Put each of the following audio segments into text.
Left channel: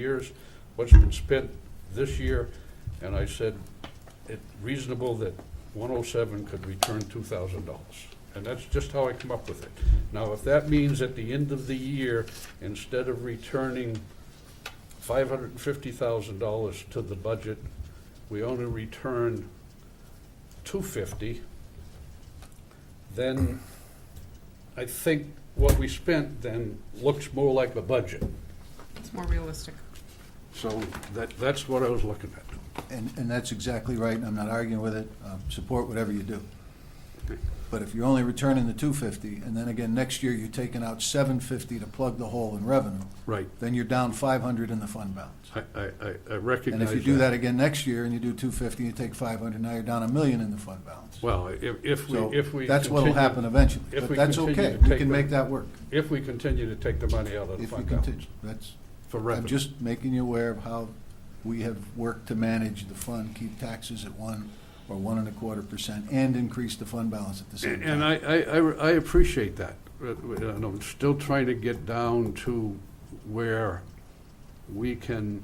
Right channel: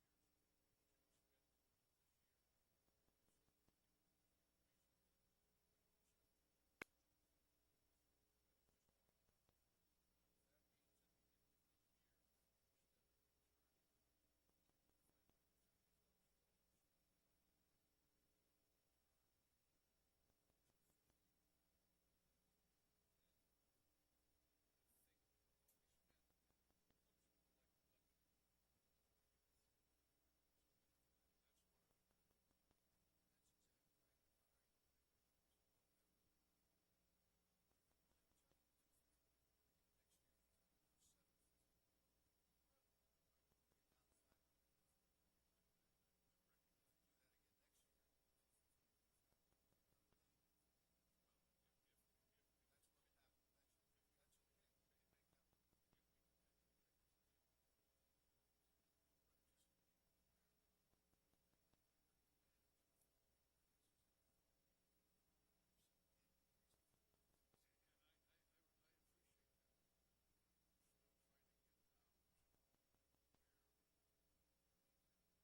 years, what's been spent this year, and I said it's reasonable that 107 could return $2,000. And that's just how I come up with it. Now, if that means at the end of the year, instead of returning $550,000 to the budget, we only return $250, then I think what we spent then looks more like a budget. It's more realistic. So that's what I was looking at. And that's exactly right, and I'm not arguing with it. Support whatever you do. But if you're only returning the $250, and then again, next year you're taking out $750 to plug the hole in revenue, Right. then you're down $500 in the fund balance. I recognize And if you do that again next year, and you do $250, and you take $500, now you're down $1 million in the fund balance. Well, if we That's what'll continue- happen eventually, if but we that's continue okay. to We take can the- make that work. If we continue to take the money out of the If we fund continue, balance that's, for I'm revenue. just making you aware of how we have worked to manage the fund, keep taxes at 1 or 1.25%, and increase the fund balance at the same time. And I appreciate that. And I'm still trying to get down to where we can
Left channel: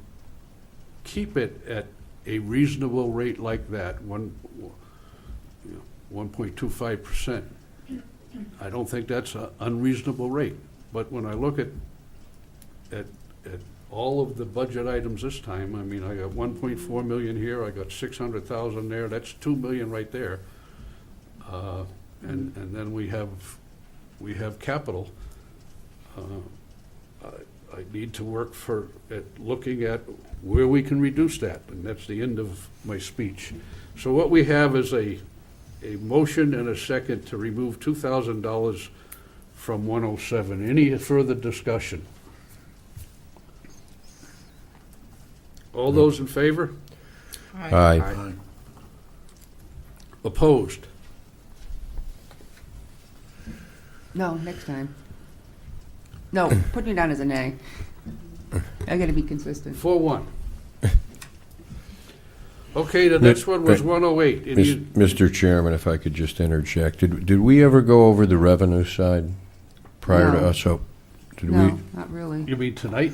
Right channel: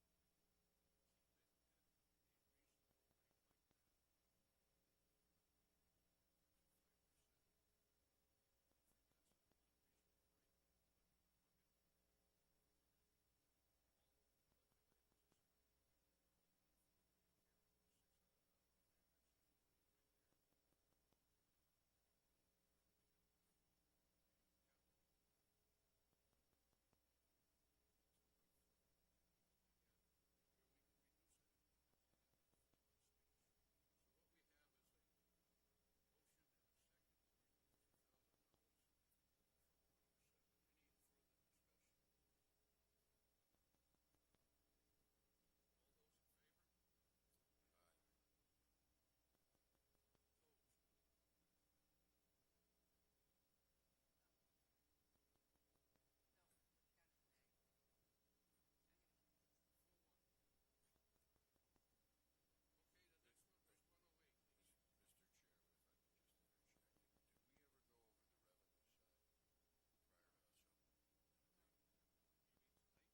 keep it at a reasonable rate like that, 1.25%. I don't think that's an unreasonable rate. But when I look at all of the budget items this time, I mean, I got 1.4 million here, I got 600,000 there, that's 2 million right there. And then we have capital. I need to work at looking at where we can reduce that, and that's the end of my speech. So what we have is a motion and a second to remove $2,000 from 107. Any further discussion? All those in favor? Aye. Opposed? No, next time. No, put me down as a nay. I gotta be consistent. 4-1. Okay, the next one was 108. And you- Mr. Chairman, if I could just interject, did we ever go over the revenue side prior to No. us? So, did we? No, not really. You mean tonight?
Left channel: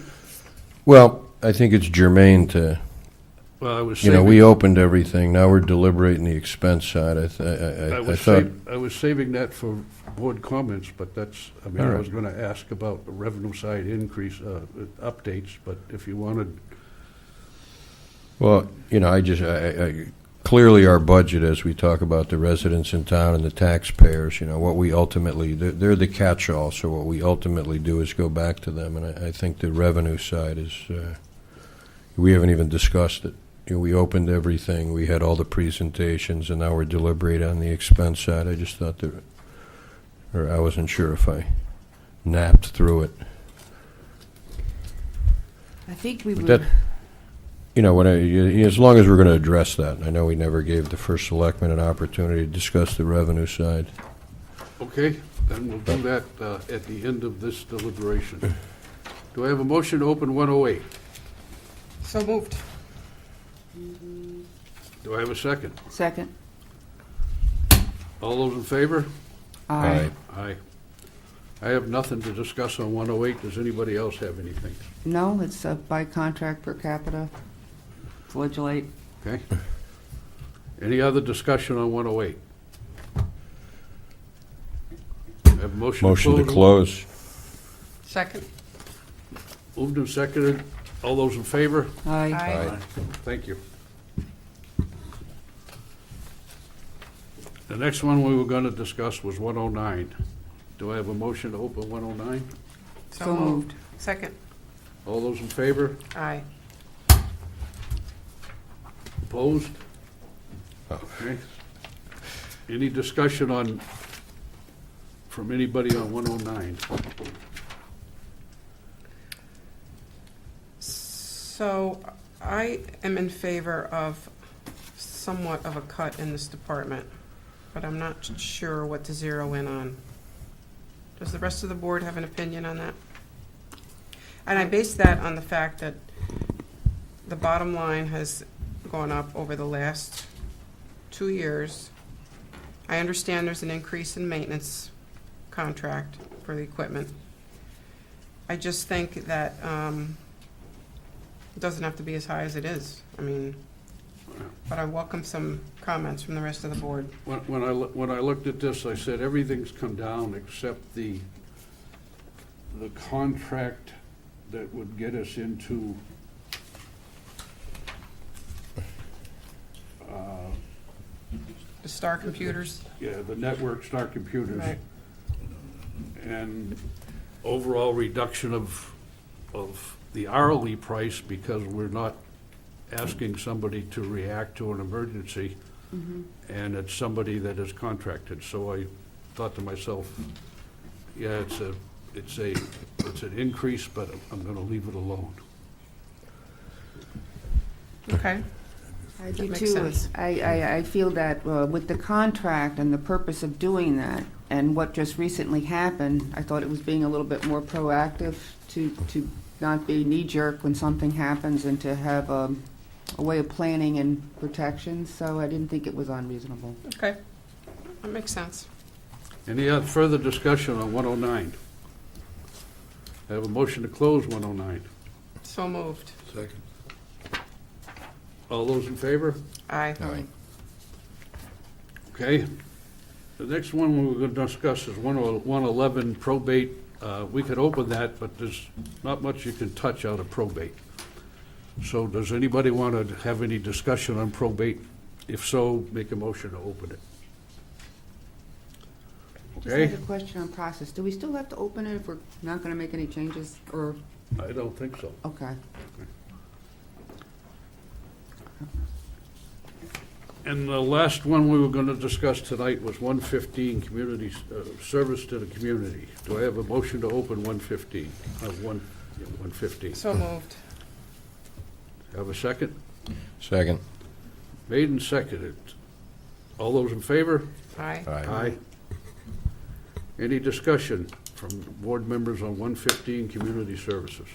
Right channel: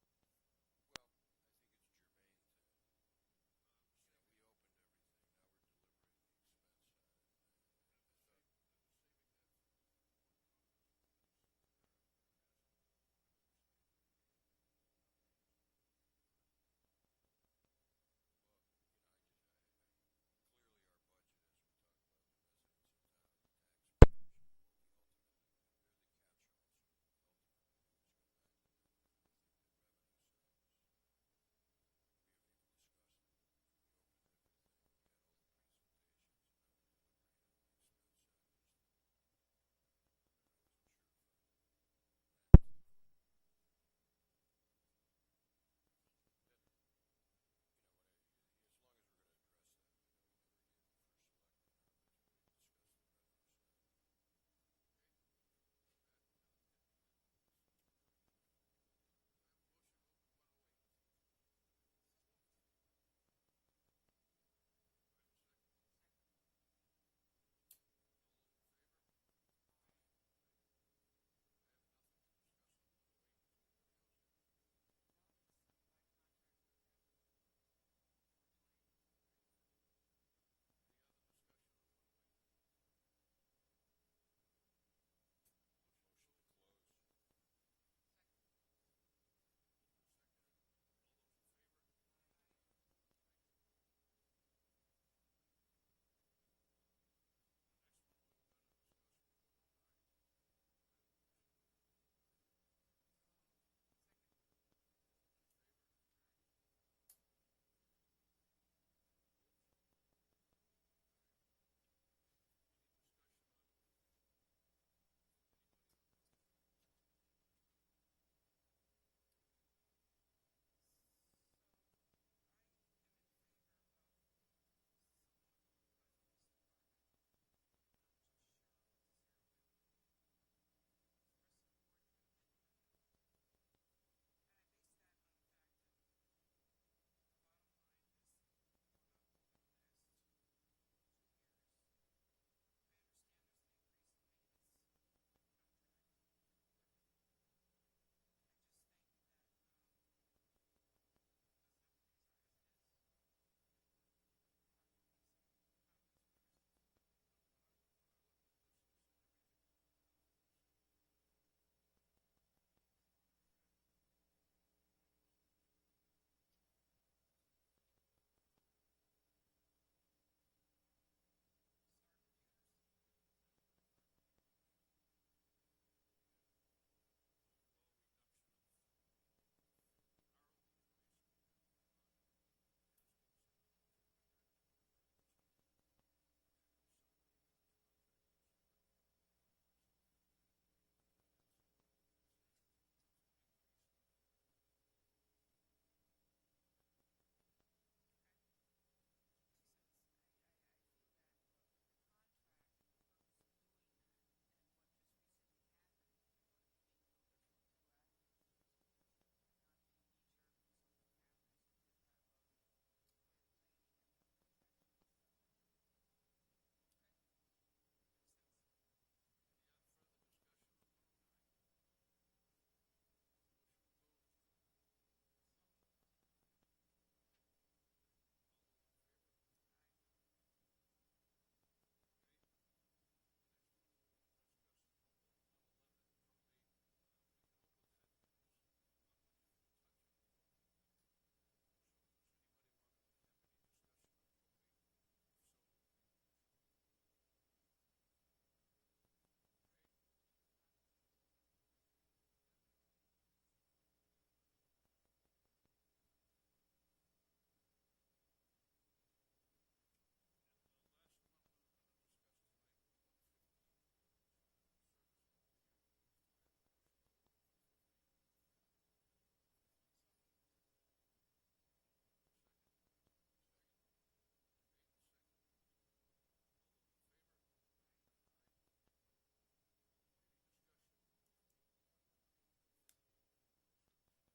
Well, I think it's germane to, Well, I was you saving. know, we opened everything. Now we're deliberating the expense side. I thought, I was saving that for board comments, but that's, I mean, All I right. was going to ask about the revenue side increase, updates, but if you wanted, well, you know, clearly our budget, as we talk about the residents in town and the taxpayers, you know, what we ultimately, they're the catch-all, so what we ultimately do is go back to them, and I think the revenue side is, we haven't even discussed it. You know, we opened everything, we had all the presentations, and now we're deliberating on the expense side. I just thought that, or I wasn't sure if I napped through it. I think we But would, that, you know, as long as we're going to address that, I know we never gave the first selectman an opportunity to discuss the revenue side. okay, then we'll do that at the end of this deliberation. Do I have a motion to open 108? So moved. Do I have a second? second. All those in favor? Aye. Aye. I have nothing to discuss on 108. Does anybody else have anything? No, it's by contract per capita. Flagellate. Okay. Any other discussion on 108? I have a Motion to close. Second. Moved and seconded. All those in favor? Aye. Aye. Thank you. The next one we were going to discuss was 109. Do I have a motion to open 109? So moved. Second. All those in favor? Aye. Opposed? Oh. Okay. Any discussion from anybody on 109? So I am in favor of somewhat of a cut in this department, but I'm not sure what to zero in on. Does the rest of the board have an opinion on that? And I base that on the fact that the bottom line has gone up over the last 2 years. I understand there's an increase in maintenance contract for the equipment. I just think that It doesn't have to be as high as it is. I mean, but I welcome some comments from the rest of the board. When I looked at this, I said, everything's come down except the contract that would get us into The Star Computers, the network Star Computers. right? And overall reduction of the hourly price because we're not asking somebody to react to an emergency, and it's somebody that is contracted. So I thought to myself, yeah, it's an increase, but I'm gonna leave it alone. Okay. I do Makes too. sense. I feel that with the contract and the purpose of doing that, and what just recently happened, I thought it was being a little bit more proactive to not be knee-jerk when something happens and to have a way of planning and protection, so I didn't think it was unreasonable. Okay, that makes sense. Any other further discussion on 109? I have a motion to close 109. So moved. Second. All those in favor? Aye. Aye. Okay. The next one we're going to discuss is 111 probate. We could open that, but there's not much you can touch out of probate. So does anybody want to have any discussion on probate? If so, make a motion to open it. Just Okay? had a question on process. Do we still have to open it if we're not gonna make any changes, or, I don't think so. okay. And the last one we were going to discuss tonight was 115, community, service to the community. Do I have a motion to open 115? 115. So moved. Have a second? Second. Made and seconded. All those in favor? Aye. Aye. Any discussion from board members on 115, community services?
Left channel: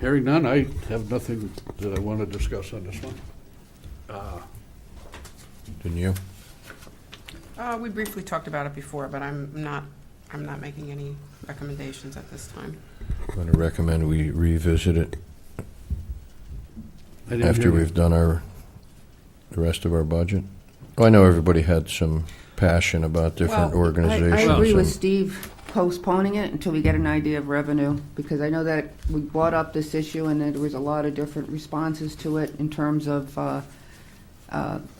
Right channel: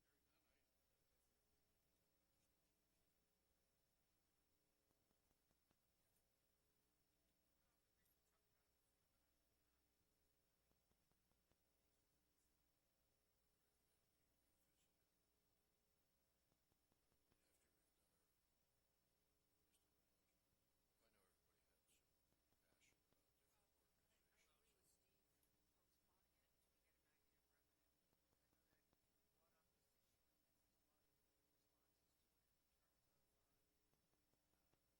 Hearing none, I have nothing that I want to discuss on this one. Didn't you? We briefly talked about it before, but I'm not making any recommendations at this time. I'm going to recommend we revisit it I didn't after hear you. we've done the rest of our budget. Well, I know everybody had some passion about different Well, organizations. I agree with and- Steve postponing it until we get an idea of revenue, because I know that we brought up this issue and there was a lot of different responses to it in terms of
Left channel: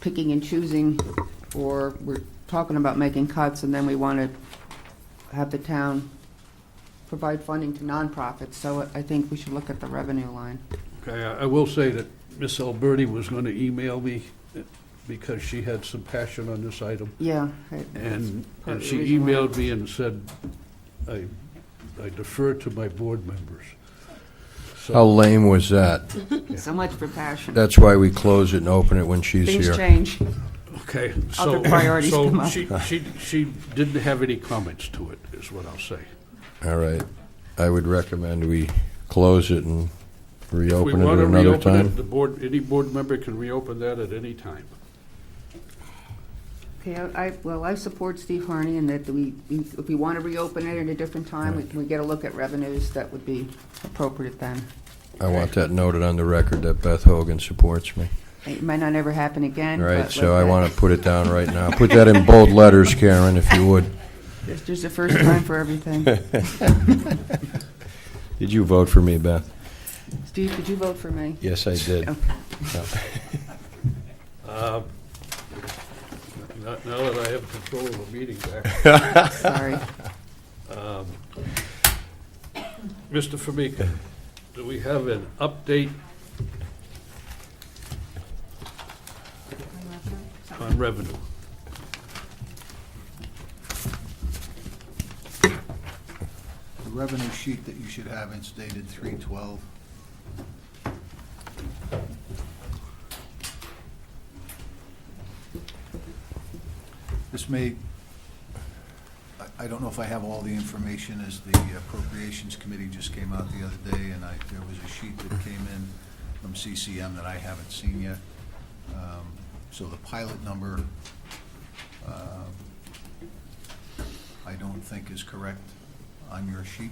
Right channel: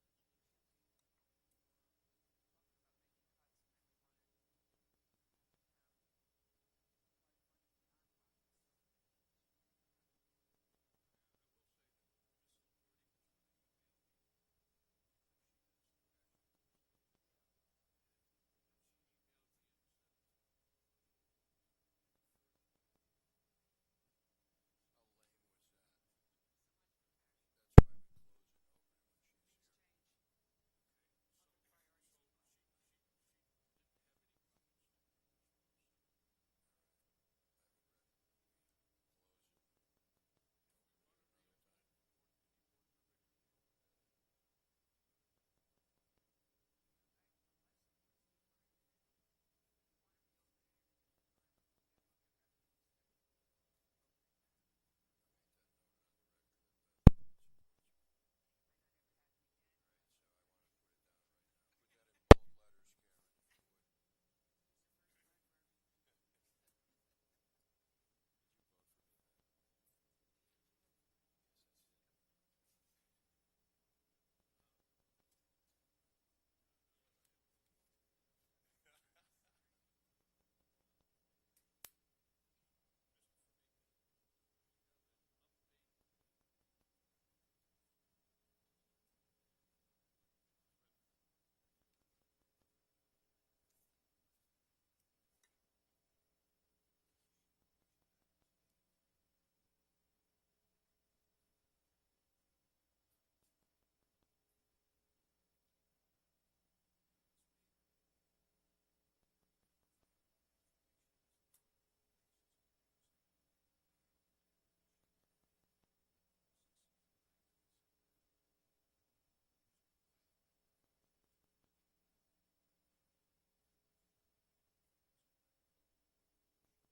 picking and choosing, or we're talking about making cuts, and then we want to have the town provide funding to nonprofits, so I think we should look at the revenue line. Okay, I will say that Miss Alberti was going to email me because she had some passion on this item. Yeah. And part of the she reason why. emailed me and said, I defer to my board members. So- How lame was that? So much for passion. That's why we close it and open it when she's Things here. change. Okay, Other so, priorities come up. she didn't have any comments to it, is what I'll say. All right. I would recommend we close it and If we reopen it want at to another reopen time. it, the board, any board member can reopen that at any time. Okay, I support Steve Harney in that if we want to reopen it at a different time, we get a look at revenues, that would be appropriate then. I want that noted on the record that Beth Hogan supports me. It might not ever happen again. All right, but so let I that- want to put it down right now. Put that in bold letters, Karen, if you would. There's a first time for everything. Did you vote for me, Beth? Steve, did you vote for me? Yes, I did. Okay. Now that I have control of the meeting back. Sorry. Mr. Formica, do we have an update on revenue? The revenue sheet that you should have is dated 3/12. This may, I don't know if I have all the information, as the Appropriations Committee just came out the other day, and there was a sheet that came in from CCM that I haven't seen yet. So the pilot number, I don't think is correct. on your sheet.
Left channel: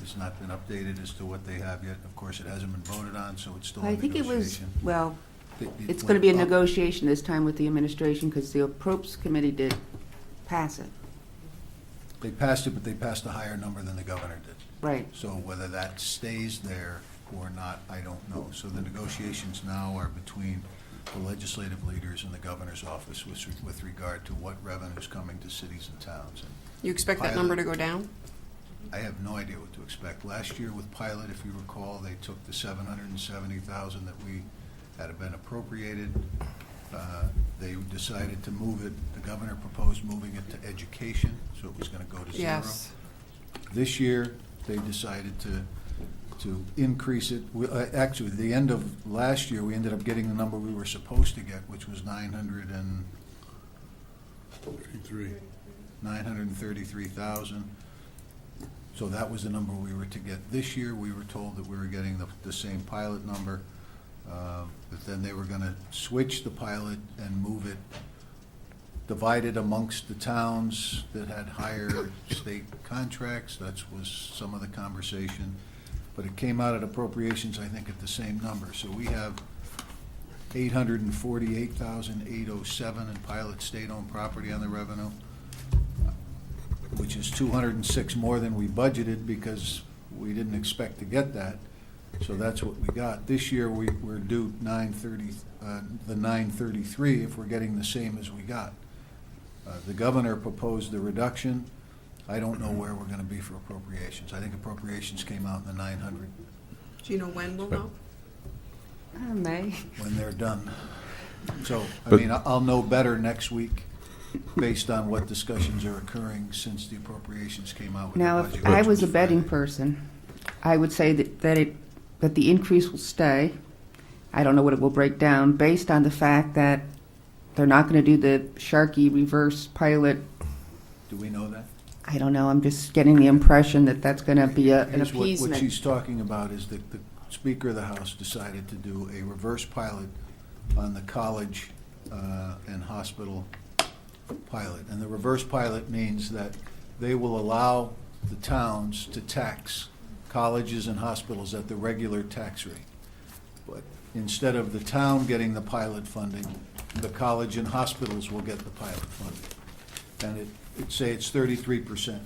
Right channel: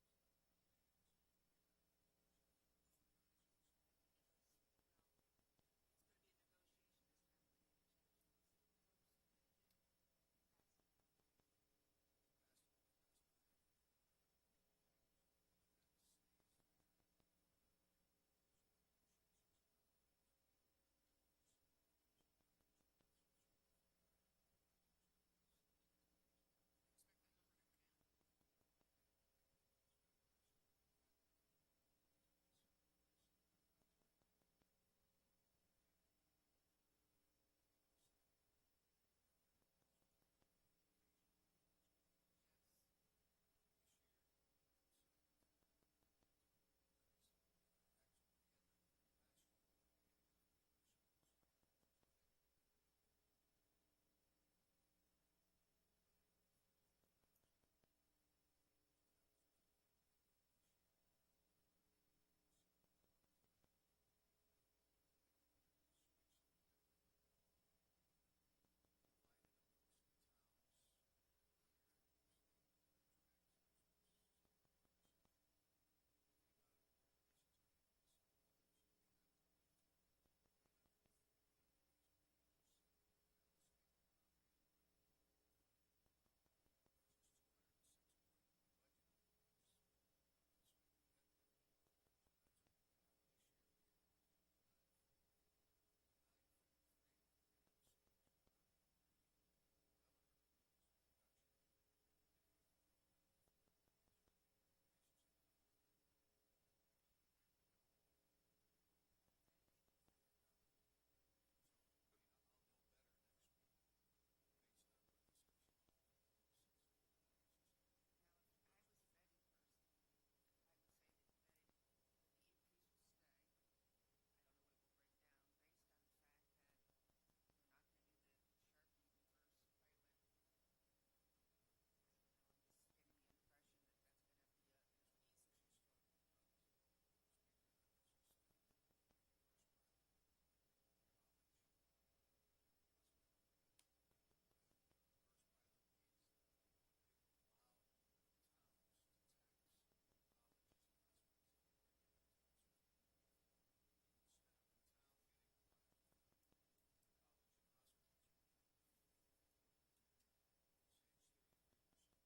Has not been updated as to what they have yet. Of course, it hasn't been voted on, so it's still I in think it was, negotiation. well, It it's going to be a went up. negotiation this time with the administration because the Approps Committee did pass it. They passed it, but they passed a higher number than the governor did. Right. So whether that stays there or not, I don't know. So the negotiations now are between the legislative leaders and the governor's office with regard to what revenue is coming to cities and towns. And You expect that number to go down? I have no idea what to expect. Last year with Pilot, if you recall, they took the $770,000 that we had been appropriated. They decided to move it, the governor proposed moving it to education, so it was gonna go to zero. Yes. This year, they decided to increase it. Actually, at the end of last year, we ended up getting the number we were supposed to get, which was 933,000. So that was the number we were to get. This year, we were told that we were getting the same pilot number, but then they were gonna switch the pilot and move it, divide it amongst the towns that had higher state contracts. That was some of the conversation. But it came out at appropriations, I think, at the same number. So we have 848,807 in pilot state-owned property on the revenue, which is 206 more than we budgeted because we didn't expect to get that. So that's what we got. This year, we're due 933 if we're getting the same as we got. The governor proposed the reduction. I don't know where we're gonna be for appropriations. I think appropriations came out in the 900 Do you know when we'll know? May. when they're done. So, I But- mean, I'll know better next week based on what discussions are occurring since the appropriations came out with the Now, budget. if I which was a betting Friday. person, I would say that the increase will stay. I don't know what it will break down, based on the fact that they're not going to do the Sharkey reverse pilot. Do we know that? I don't know, I'm just getting the impression that that's going to be an Here's what appeasement. she's talking about is that the Speaker of the House decided to do a reverse pilot on the college and hospital pilot. And the reverse pilot means that they will allow the towns to tax colleges and hospitals at the regular tax rate. But instead of the town getting the pilot funding, the college and hospitals will get the pilot funding. And it's 33%.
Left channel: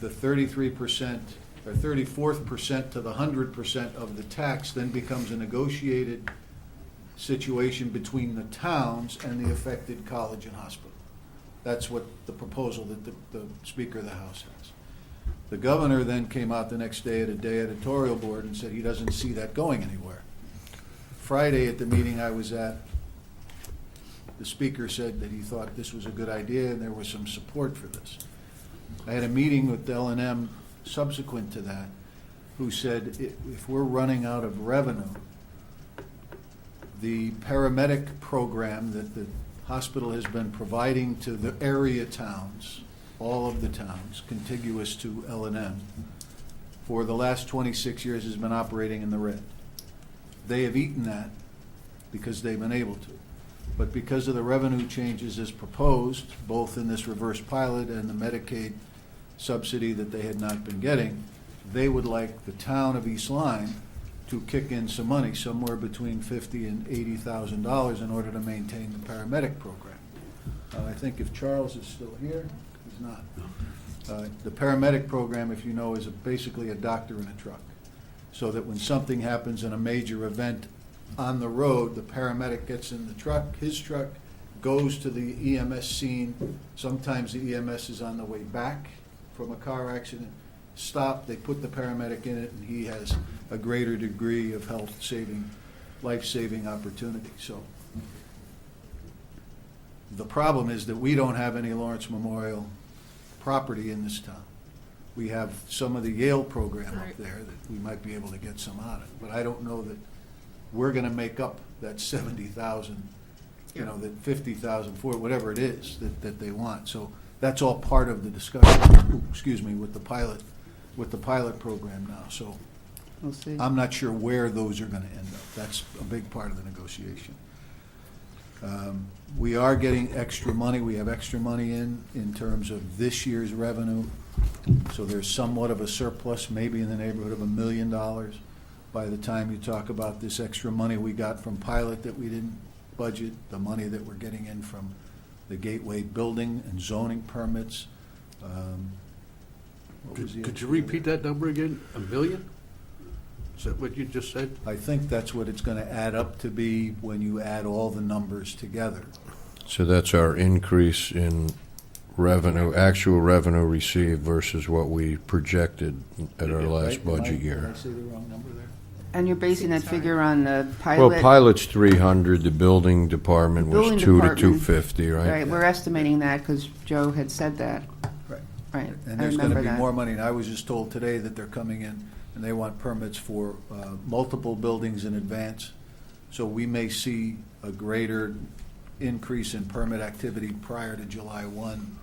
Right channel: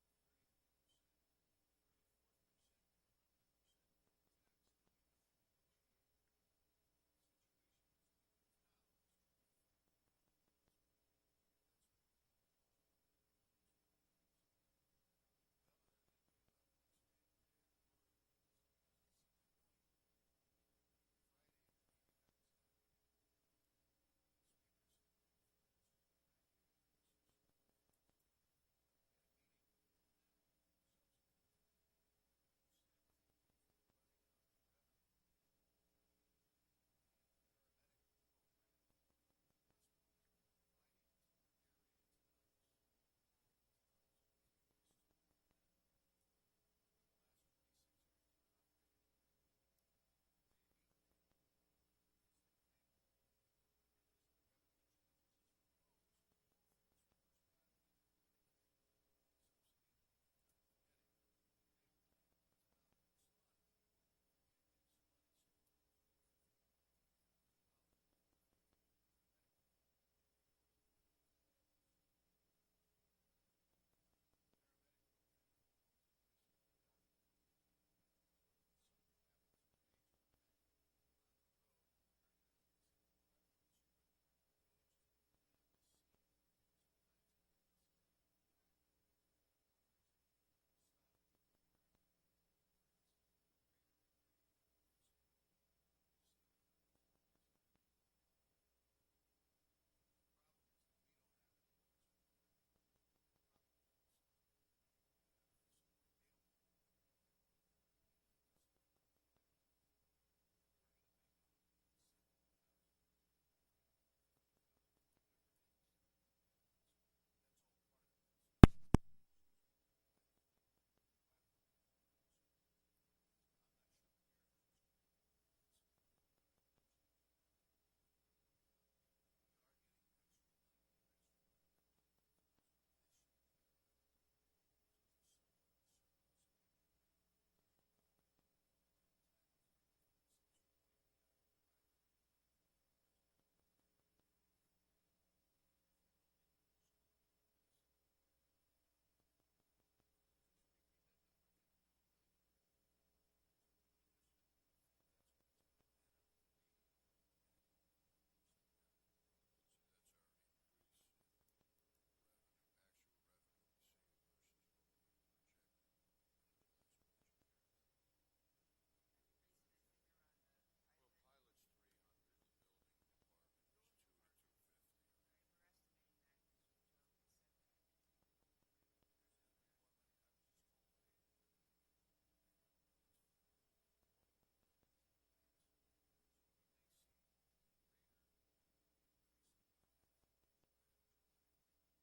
The 33% or 34th percent to the 100% of the tax then becomes a negotiated situation between the towns and the affected college and hospital. That's what the proposal that the Speaker of the House has. The governor then came out the next day at a day editorial board and said he doesn't see that going anywhere. Friday at the meeting I was at, the speaker said that he thought this was a good idea and there was some support for this. I had a meeting with L&M subsequent to that, who said if we're running out of revenue, the paramedic program that the hospital has been providing to the area towns, all of the towns contiguous to L&M, for the last 26 years has been operating in the red. They have eaten that because they've been able to. But because of the revenue changes as proposed, both in this reverse pilot and the Medicaid subsidy that they had not been getting, they would like the town of East Lyme to kick in some money, somewhere between $50,000 and $80,000 in order to maintain the paramedic program. I think if Charles is still here, he's not. The paramedic program, if you know, is basically a doctor in a truck. So that when something happens in a major event on the road, the paramedic gets in the truck, his truck, goes to the EMS scene. Sometimes the EMS is on the way back from a car accident. Stop, they put the paramedic in it, and he has a greater degree of health-saving, life-saving opportunity. So the problem is that we don't have any Lawrence Memorial property in this town. We have some of the Yale program up Right. there that we might be able to get some out of, but I don't know that we're gonna make up that 70,000, you know, that 50,000 for whatever it is that they want. So that's all part of the discussion, with the pilot program now. So We'll see. I'm not sure where those are gonna end up. That's a big part of the negotiation. We are getting extra money. We have extra money in terms of this year's revenue. So there's somewhat of a surplus, maybe in the neighborhood of $1 million by the time you talk about this extra money we got from pilot that we didn't budget, the money that we're getting in from the Gateway building and zoning permits. What was the Could you extra repeat there? that number again? $1 million? Is that what you just said? I think that's what it's gonna add up to be when you add all the numbers together. So that's our increase in revenue, actual revenue received versus what we projected at our last Right? budget Did year. I say the wrong number there? And you're basing that Sorry. figure on the Well, pilot? pilot's 300, the building department was Building 2 to department. 250, right? Right, we're estimating that because Joe had said that. Right. Right, And I there's gonna remember be that. more money, and I was just told today that they're coming in, and they want permits for multiple buildings in advance. So we may see a greater increase in permit activity prior to July 1,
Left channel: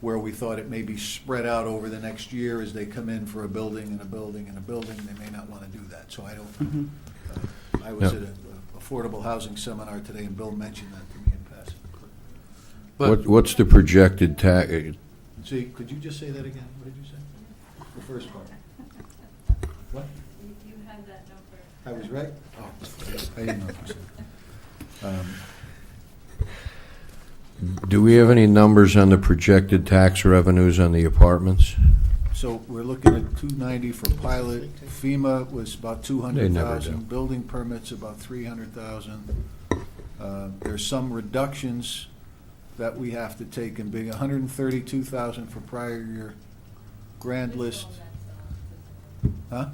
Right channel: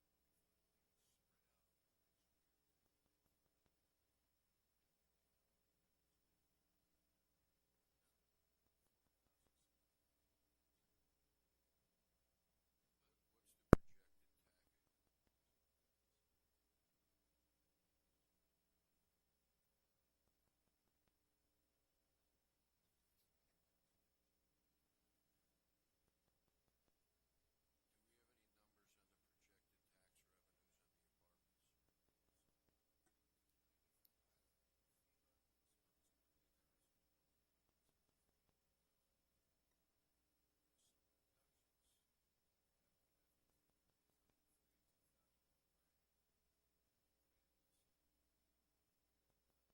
where we thought it may be spread out over the next year as they come in for a building and a building and a building. They may not want to do that, so I don't, Mhm. I was Yeah. at an affordable housing seminar today, and Bill mentioned that to me in passing. But What's the projected tax? See, could you just say that again? What did you say? The first part. What? You had that number. I was right? Oh, I didn't know if you said. Do we have any numbers on the projected tax revenues on the apartments? So we're looking at 290 for pilot. FEMA was about They never 200,000. do. Building permits about 300,000. There's some reductions that we have to take and big, 132,000 for prior year. Grand list. Huh?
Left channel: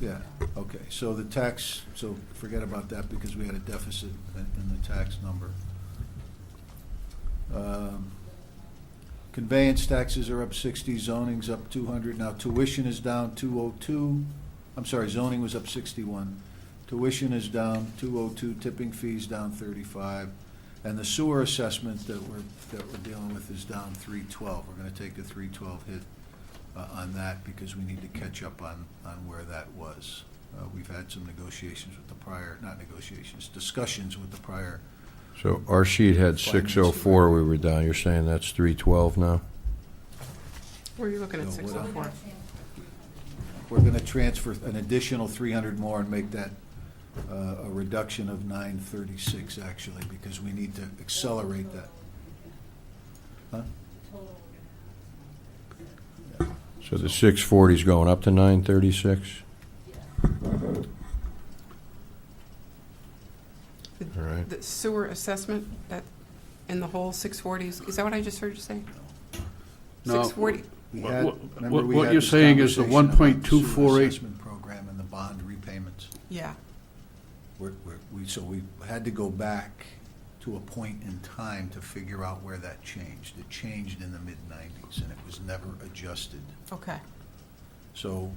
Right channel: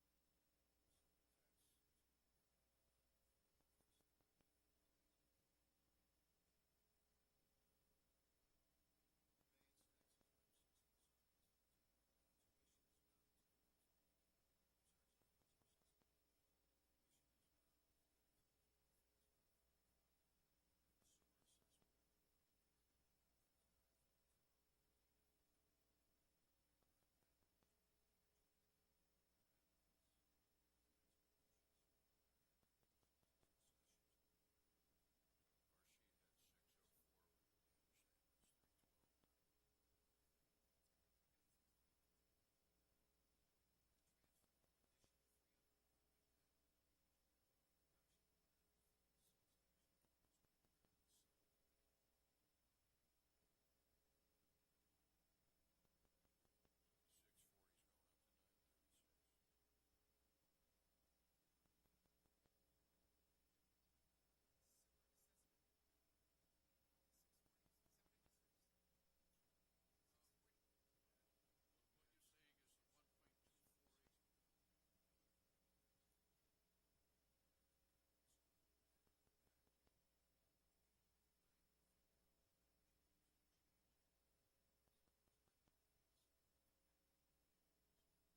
Yeah, okay, so the tax, so forget about that because we had a deficit in the tax number. Conveyance taxes are up 60, zoning's up 200. Now tuition is down 202. I'm sorry, zoning was up 61. Tuition is down 202, tipping fees down 35. And the sewer assessment that we're dealing with is down 312. We're gonna take a 312 hit on that because we need to catch up on where that was. We've had some negotiations with the prior, not negotiations, discussions with the prior. So our sheet had 604, we were down. You're saying that's 312 now? Where are you looking at No, what 604? We're gonna transfer an additional 300 more and make that a reduction of 936 actually, because we need to accelerate that. Huh? So the 640 is going up to 936? All right. The sewer assessment, that, in the whole 640, is that what I just heard you say? No. 640, We What- had- what- remember we what had you're this saying is the conversation about the 1.248 sewer assessment program and the bond repayments. yeah. We had to go back to a point in time to figure out where that changed. It changed in the mid-90s, and it was never adjusted. Okay. So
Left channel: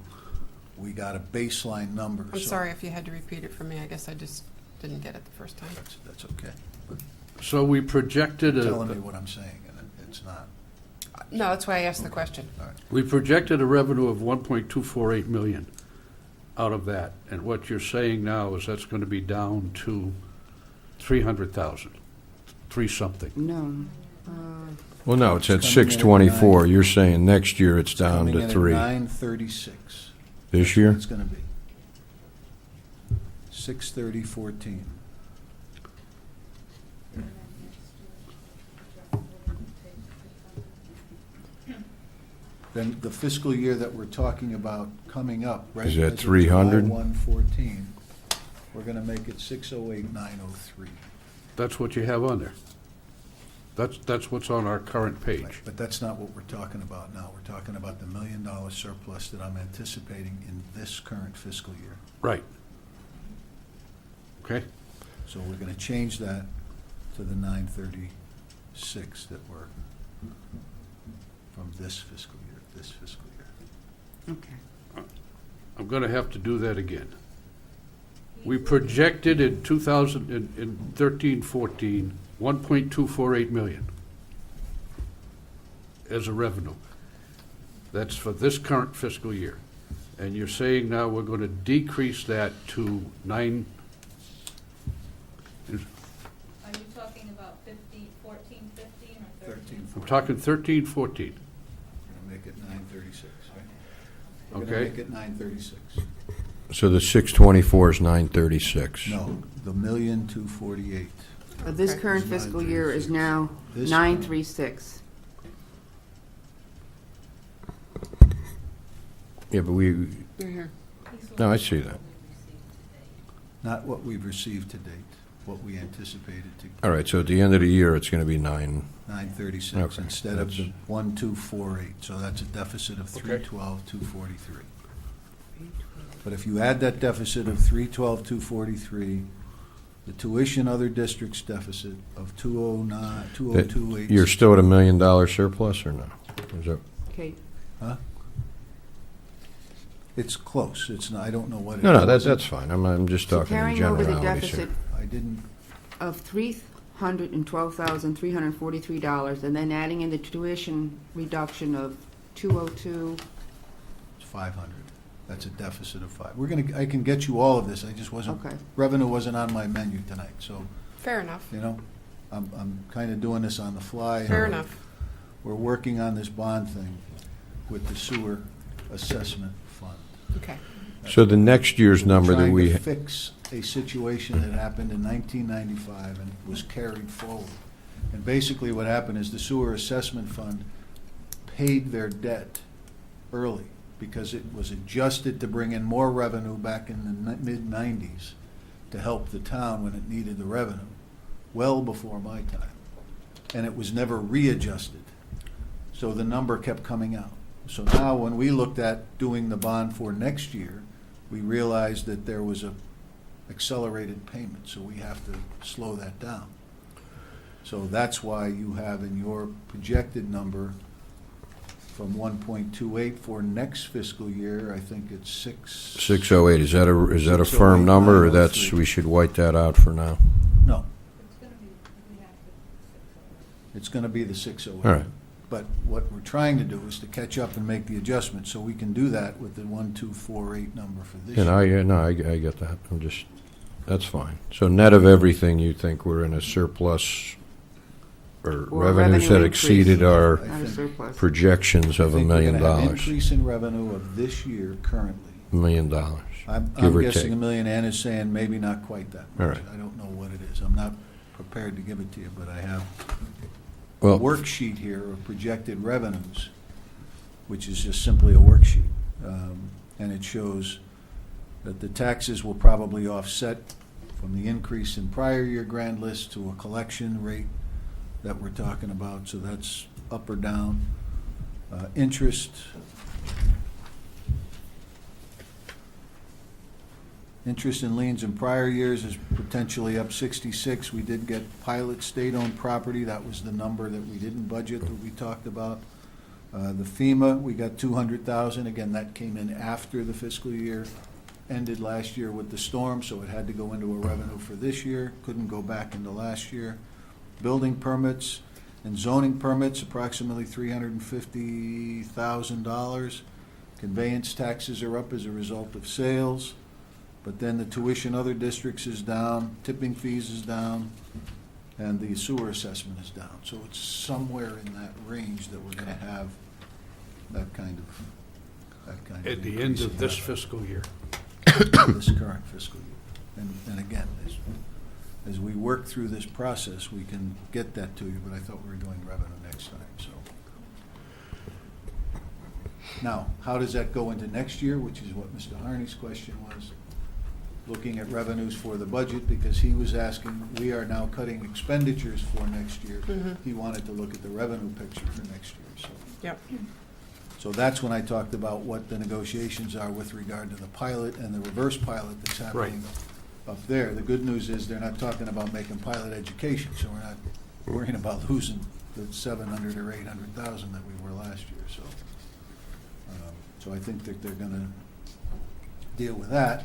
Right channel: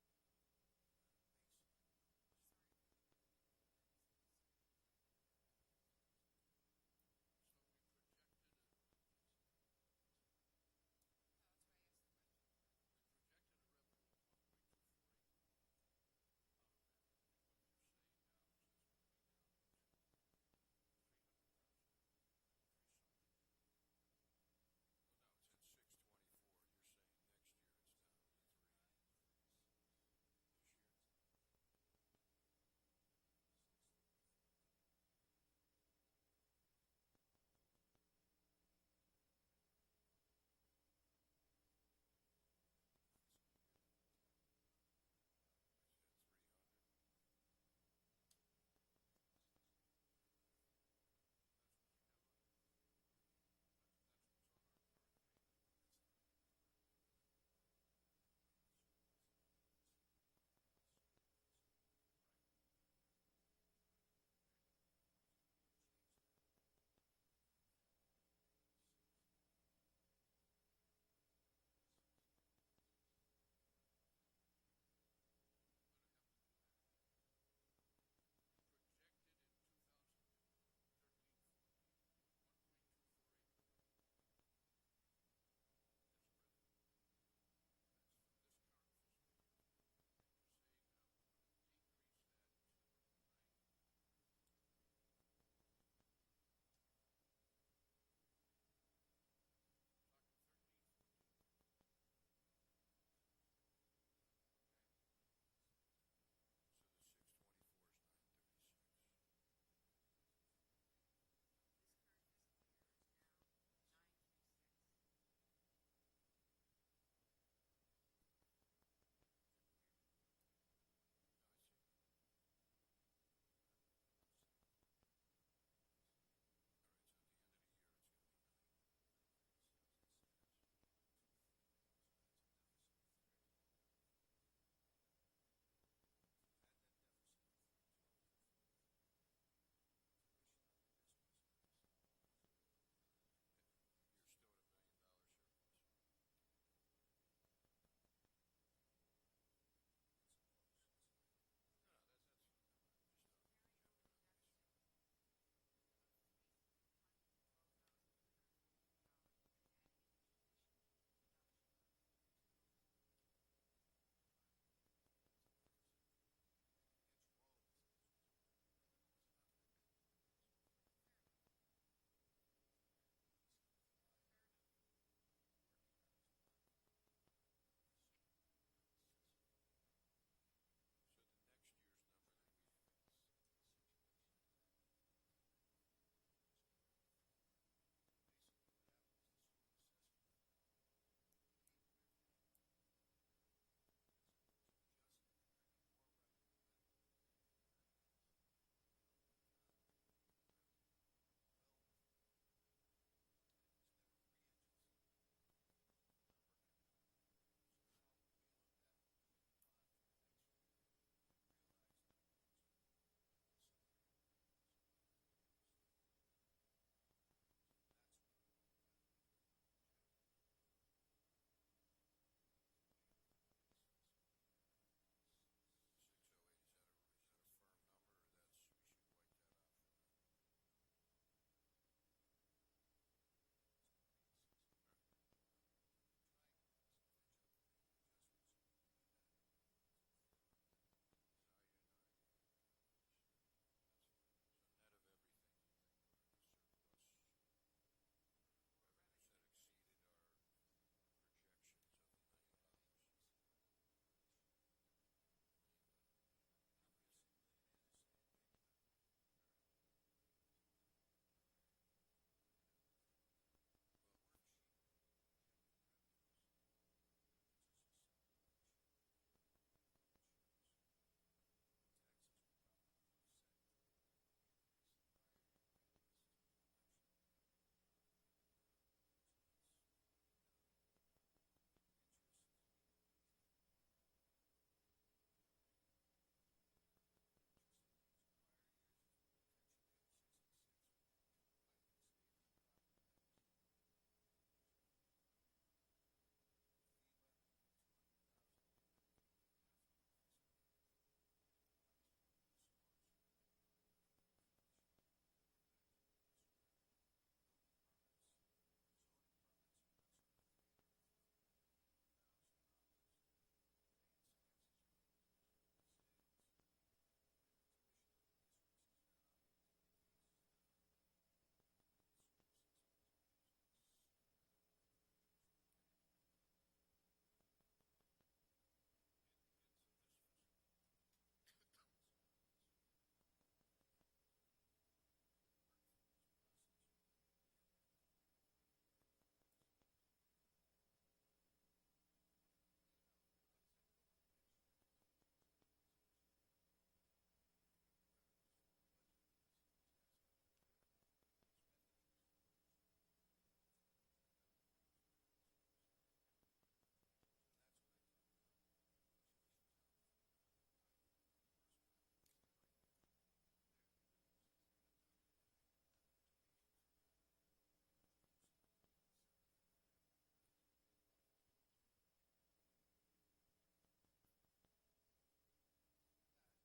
we got a baseline number. I'm so sorry if you had to repeat it for me. I guess I just didn't get it the first time. That's okay. So we projected You're telling me a, what I'm saying, and it's not. No, that's why I asked the question. All right. we projected a revenue of 1.248 million out of that. And what you're saying now is that's going to be down to 300,000, three something. No. Well, no, it's at It's coming in at 624. 9. You're saying next year it's down Coming to in at 3. 936. This That's year? what it's gonna be. 630.14. Then the fiscal year that we're talking about coming up, right? Is that as of 300? July 1/14, we're gonna make it 608,903. That's what you have on there. That's what's on our current page. Right, but that's not what we're talking about now. We're talking about the $1 million surplus that I'm anticipating in this current fiscal year. Right. Okay? So we're gonna change that to the 936 that were from this fiscal year. Okay. I'm going to have to do that again. We projected in 2013-14, 1.248 million as a revenue. That's for this current fiscal year. And you're saying now we're going to decrease that to talking 13, 14. We're gonna make it 936, right? We're gonna Okay. make it 936. So the 624 is 936. No, the 1,248,000. This Okay. current It's fiscal year is 936. now This 936. Yeah, but we, Mhm. no, I see that. Not what we've received to date, what we anticipated to. All right, so at the end of the year, it's going to be 936 Okay, instead of the that's- 1,248, so that's a deficit of Okay. 312,243. But if you add that deficit of 312,243, the tuition other districts deficit of 209, 202,8. You're still at $1 million surplus or no? Is that, Okay, Huh? It's close, it's, I don't know what it is. no, that's fine. I'm just so talking in carrying over the generalities here. deficit I didn't, of $312,343, and then adding in the tuition reduction of 202, it's 500. That's a deficit of 5. I can get you all of this, I just wasn't, okay. revenue wasn't on my menu tonight, so, Fair enough, you know, I'm kind of doing this on the fly. fair and enough. We're working on this bond thing with the sewer assessment fund. Okay. So the next year's number that we, We're trying to fix a situation that happened in 1995 and was carried forward. And basically what happened is the sewer assessment fund paid their debt early because it was adjusted to bring in more revenue back in the mid-90s to help the town when it needed the revenue, well before my time. And it was never readjusted. So the number kept coming out. So now when we looked at doing the bond for next year, we realized that there was a accelerated payment, so we have to slow that down. So that's why you have in your projected number from 1.28 for next fiscal year, I think it's 608, is that a firm 608, number, or 903. that's, we should white that out for now? No, It's gonna be, we have to. it's gonna be the 608. All right. But what we're trying to do is to catch up and make the adjustment, so we can do that with the 1248 number for this year. I get that. I'm just, that's fine. So net of everything, you think we're in a surplus or Or revenues revenue that exceeded increase. our I Not a think- surplus. projections of $1 million? I think we're gonna have increase in revenue of this year currently. $1 million. I'm Give or guessing take. $1 million. Ann is saying maybe not quite that much. All right. I don't know what it is. I'm not prepared to give it to you, but I have a Well, worksheet here of projected revenues, which is just simply a worksheet. And it shows that the taxes will probably offset from the increase in prior year grand list to a collection rate that we're talking about, so that's up or down. Interest in liens in prior years is potentially up 66. We did get pilot state-owned property. That was the number that we didn't budget that we talked about. The FEMA, we got 200,000. Again, that came in after the fiscal year ended last year with the storm, so it had to go into a revenue for this year. Couldn't go back into last year. Building permits and zoning permits, approximately $350,000. Conveyance taxes are up as a result of sales. But then the tuition other districts is down, tipping fees is down, and the sewer assessment is down. So it's somewhere in that range that we're gonna have that kind of At the end increase of in this revenue. fiscal year. This current fiscal year. And again, as we work through this process, we can get that to you, but I thought we were doing revenue next time, so. Now, how does that go into next year, which is what Mr. Harney's question was? Looking at revenues for the budget, because he was asking, we are now cutting expenditures for next year. Mhm. He wanted to look at the revenue picture for next year, so. Yep. So that's when I talked about what the negotiations are with regard to the pilot and the reverse pilot that's happening up there. The good news is they're not talking about making pilot education, so we're not worrying about losing the 700 or 800,000 that we were last year, so. So I think that they're gonna deal with that.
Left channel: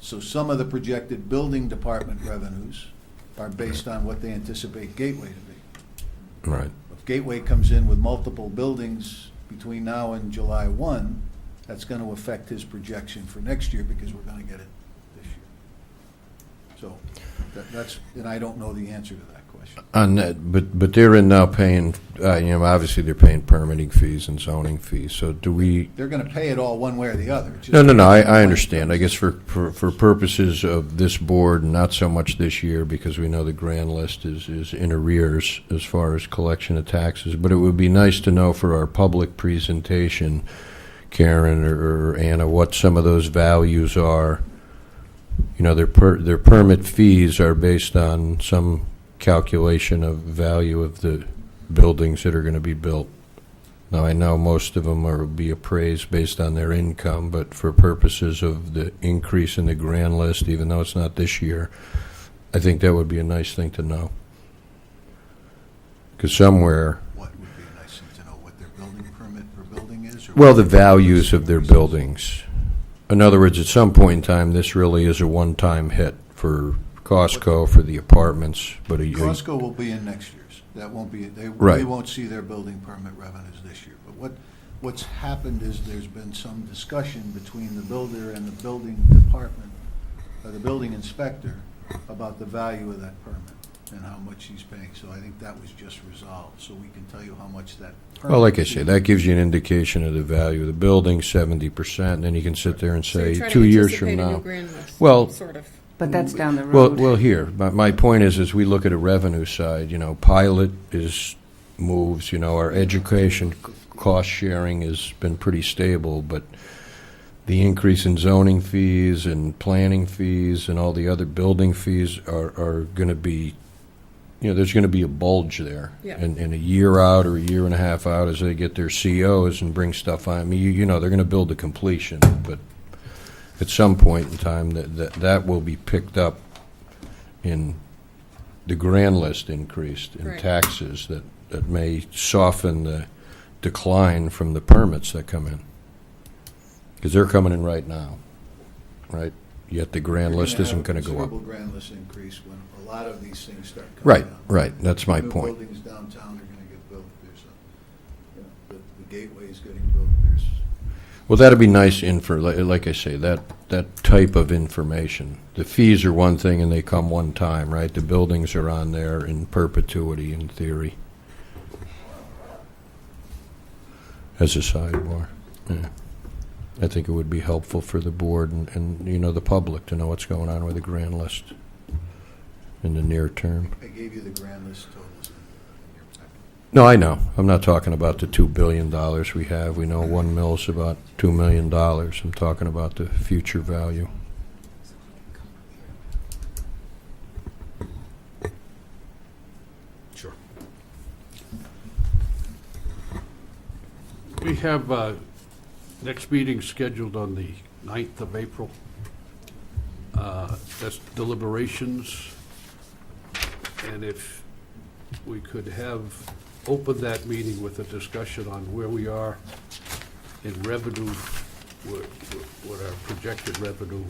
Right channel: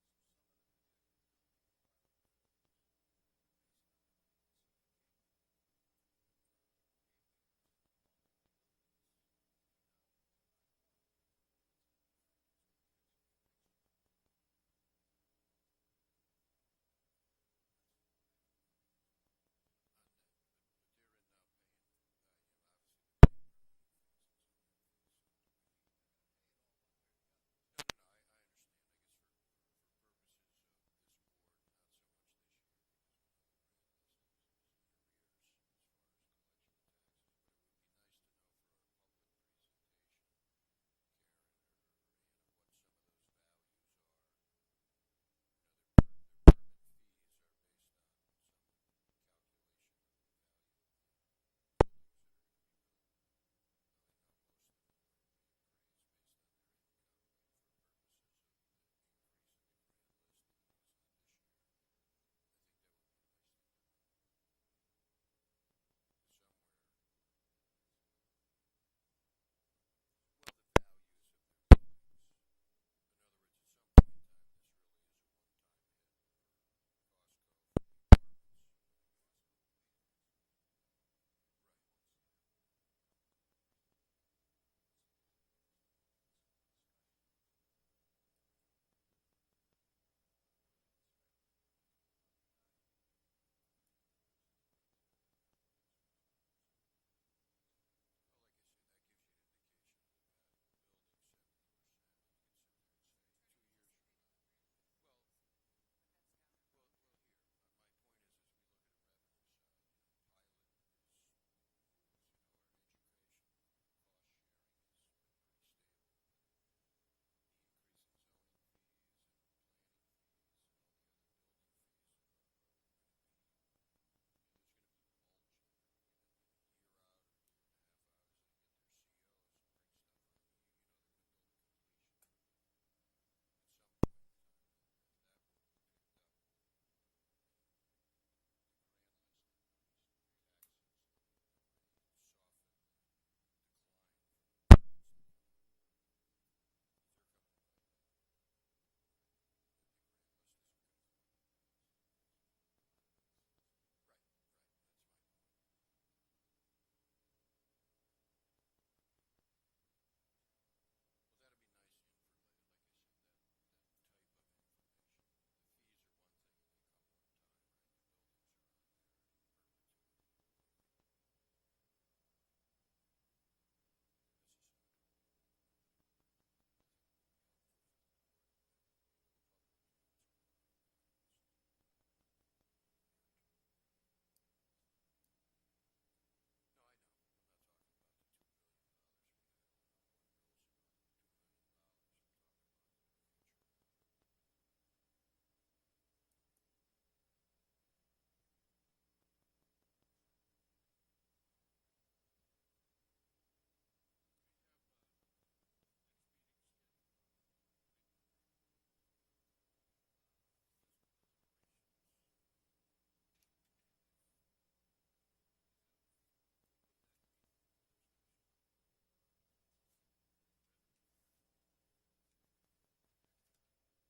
So some of the projected building department revenues are based on what they anticipate Gateway to be. right. If Gateway comes in with multiple buildings between now and July 1, that's going to affect his projection for next year because we're going to get it this year. So that's, and I don't know the answer to that question. On that, but they're in now paying, obviously they're paying permitting fees and zoning fees, so do we, They're gonna pay it all one way or the other. It's just- no, I understand. I guess for purposes of this board, not so much this year, because we know the grand list is in arrears as far as collection of taxes, but it would be nice to know for our public presentation, Karen or Anna, what some of those values are. Their permit fees are based on some calculation of value of the buildings that are going to be built. Now, I know most of them will be appraised based on their income, but for purposes of the increase in the grand list, even though it's not this year, I think that would be a nice thing to know. Because somewhere, What would be a nice thing to know, what their building permit per building is? Or well, what the values of their buildings. In other words, at some point in time, this really is a one-time hit for Costco, for the apartments, but Costco will be in next year's. That won't be, they Right. won't see their building permit revenues this year. But what's happened is there's been some discussion between the builder and the building department, or the building inspector, about the value of that permit and how much he's paying. So I think that was just resolved, so we can tell you how much that permit. well, like I say, fee- that gives you an indication of the value of the building, 70%, and then you can sit there and So you're say, trying to 2 years from anticipate a new now. grand list, Well- sort of. But that's down the road. Well, here, my point is, as we look at a revenue side, pilot moves, our education cost sharing has been pretty stable, but the increase in zoning fees and planning fees and all the other building fees are going to be, there's going to be a bulge there. Yeah. And a year out or a year and a half out, as they get their COs and bring stuff on, they're going to build to completion, but at some point in time, that will be picked up in the grand list increased in Right. taxes that may soften the decline from the permits that come in. Because they're coming in right now, right? Yet the grand You're list gonna isn't have a going to go up. considerable grand list increase when a lot of these things start coming Right, down. right, that's my New point. buildings downtown are gonna get built. There's the gateway's getting built. There's Well, that'd be nice like I say, that type of information. The fees are one thing and they come one time, right? The buildings are on there in perpetuity, in theory. As a sidebar, yeah. I think it would be helpful for the board and the public to know what's going on with the grand list in the near term. I gave you the grand list totals in your packet. No, I know. I'm not talking about the $2 billion we have. We know 1 mill's about $2 million. I'm talking about the future value. Sure. We have next meeting scheduled on the 9th of April. That's deliberations. And if we could have opened that meeting with a discussion on where we are in revenue, what our projected revenue,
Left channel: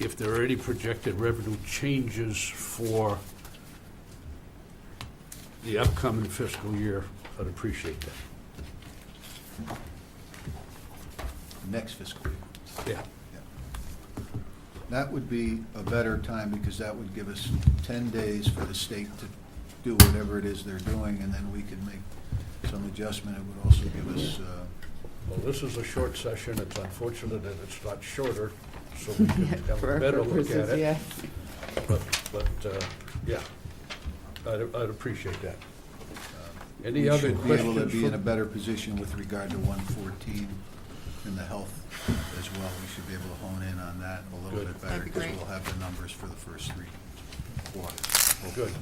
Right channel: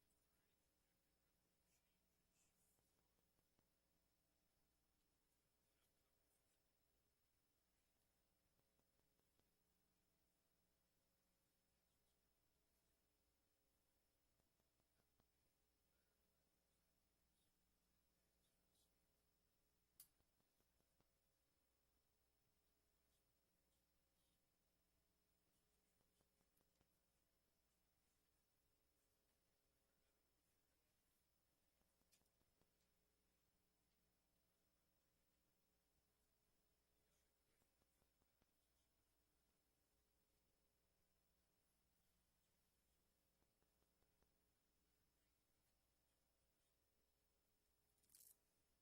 if there are any projected revenue changes for the upcoming fiscal year, I'd appreciate that. Next fiscal year. Yeah. That would be a better time because that would give us 10 days for the state to do whatever it is they're doing, and then we could make some adjustment. It would also give us, Well, this is a short session. It's unfortunate that it's not shorter, so we can have For a our better look at purposes, it. yeah. But, yeah, I'd appreciate that. Any we other should be questions? able to be in a from- better position with regard to 114 in the health as well. We should be able to hone in on that a little Good. bit better That'd be because great. we'll have the numbers for the first 3 quarters. Good.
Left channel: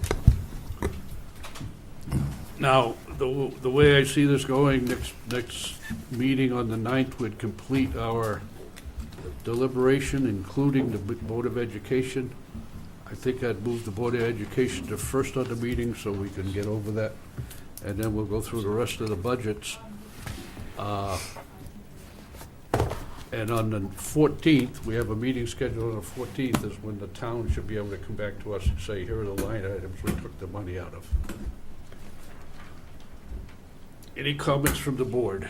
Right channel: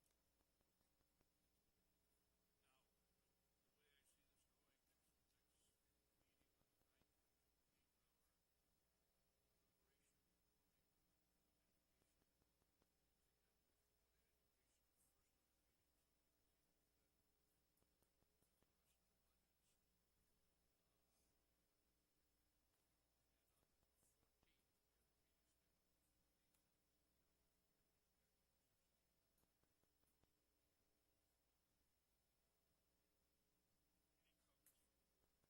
Now, the way I see this going, next meeting on the 9th would complete our deliberation, including the Board of Education. I think I'd move the Board of Education to first on the meeting so we can get over that, and then we'll go through the rest of the budgets. And on the 14th, we have a meeting scheduled on the 14th, is when the town should be able to come back to us and say, here are the line items we took the money out of. Any comments from the board?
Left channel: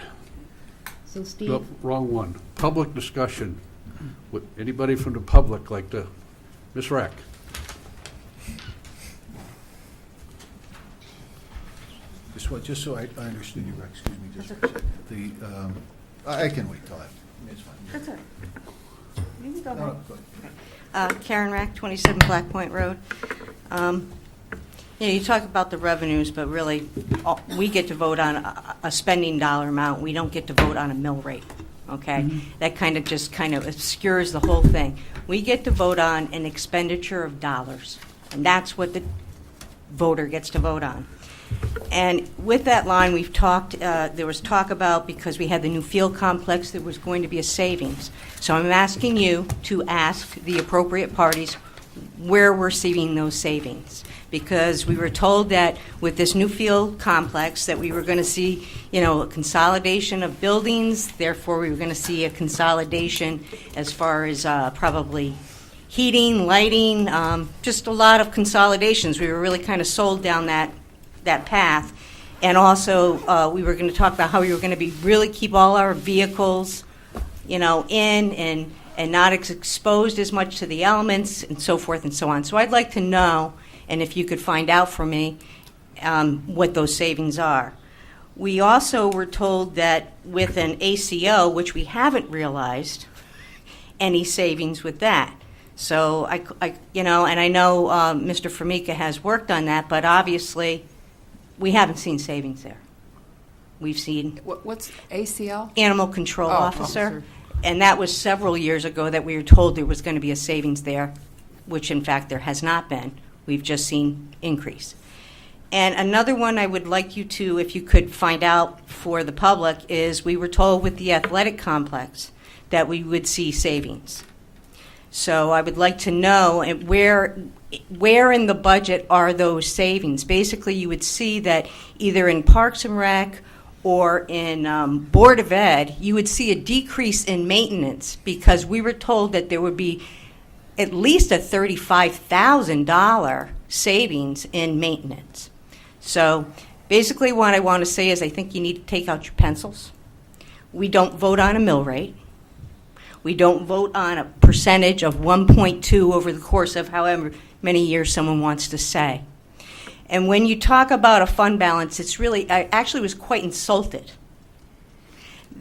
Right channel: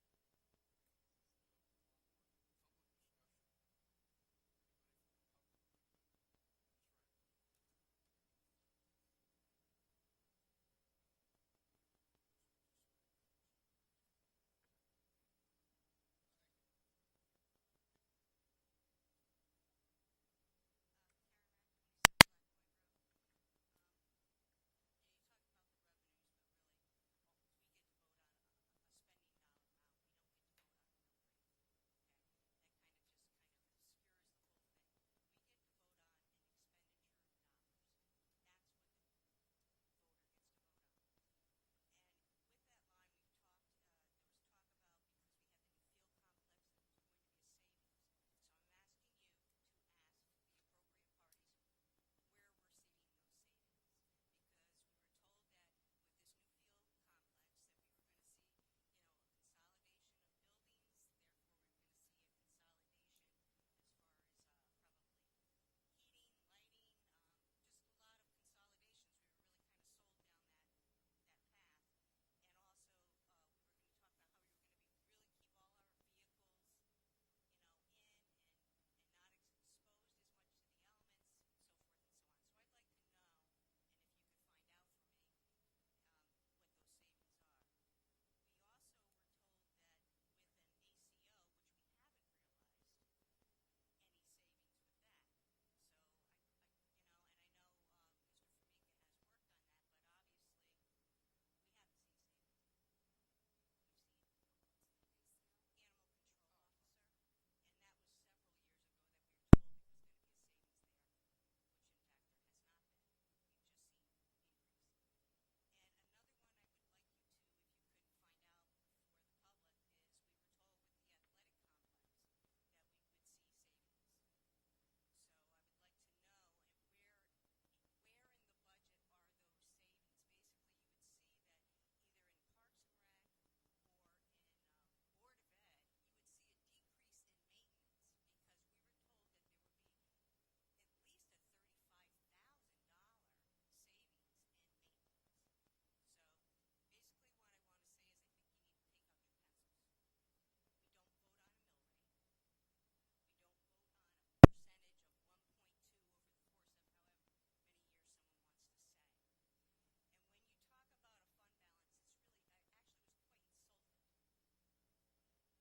So Steve, Nope, wrong one. Public discussion. Would anybody from the public like to, Ms. Rack? just so I understood you, Rex, excuse me, just for a second. I can wait till after. It's fine. That's all right. You can go No, ahead. go ahead. Karen Rack, 27 Black Point Road. You talk about the revenues, but really, we get to vote on a spending dollar amount. We don't get to vote on a mill rate, okay? That kind of obscures the whole thing. We get to vote on an expenditure of dollars, and that's what the voter gets to vote on. And with that line, we've talked, there was talk about, because we had the new field complex, there was going to be a savings. So I'm asking you to ask the appropriate parties where we're seeing those savings. Because we were told that with this new field complex that we were going to see, a consolidation of buildings, therefore we were going to see a consolidation as far as probably heating, lighting, just a lot of consolidations. We were really kind of sold down that path. And also, we were going to talk about how we were going to be really keep all our vehicles, in and not exposed as much to the elements and so forth and so on. So I'd like to know, and if you could find out for me, what those savings are. We also were told that with an ACO, which we haven't realized any savings with that. So and I know Mr. Formica has worked on that, but obviously we haven't seen savings there. We've seen What's ACL? animal control Oh, officer, officer. and that was several years ago that we were told there was going to be a savings there, which in fact there has not been. We've just seen increase. And another one I would like you to, if you could find out for the public, is we were told with the athletic complex that we would see savings. So I would like to know where in the budget are those savings. Basically, you would see that either in Parks and Rec or in Board of Ed, you would see a decrease in maintenance because we were told that there would be at least a $35,000 savings in maintenance. So basically what I want to say is I think you need to take out your pencils. We don't vote on a mill rate. We don't vote on a percentage of 1.2 over the course of however many years someone wants to say. And when you talk about a fund balance, it's really, I actually was quite insulted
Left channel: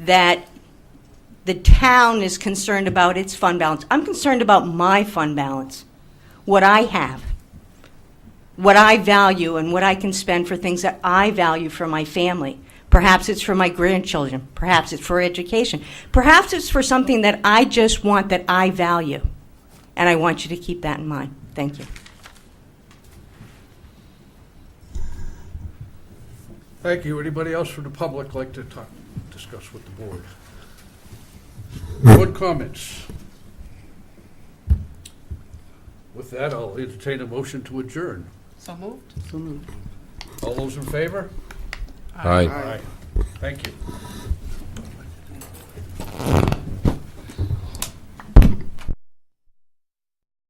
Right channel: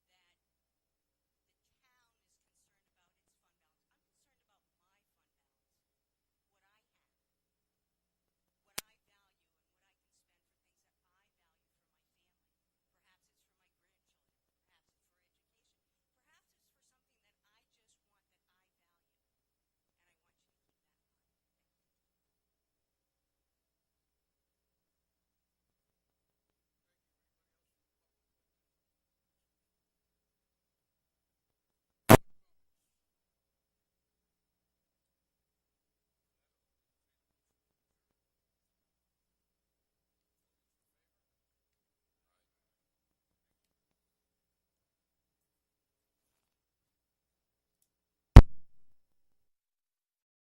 that the town is concerned about its fund balance. I'm concerned about my fund balance, what I have, what I value, and what I can spend for things that I value for my family. Perhaps it's for my grandchildren. Perhaps it's for education. Perhaps it's for something that I just want that I value. And I want you to keep that in mind. Thank you. Thank you. Anybody else from the public like to discuss with the board? Board comments? With that, I'll entertain a motion to adjourn. So moved? So moved. All those in favor? Aye. Thank you.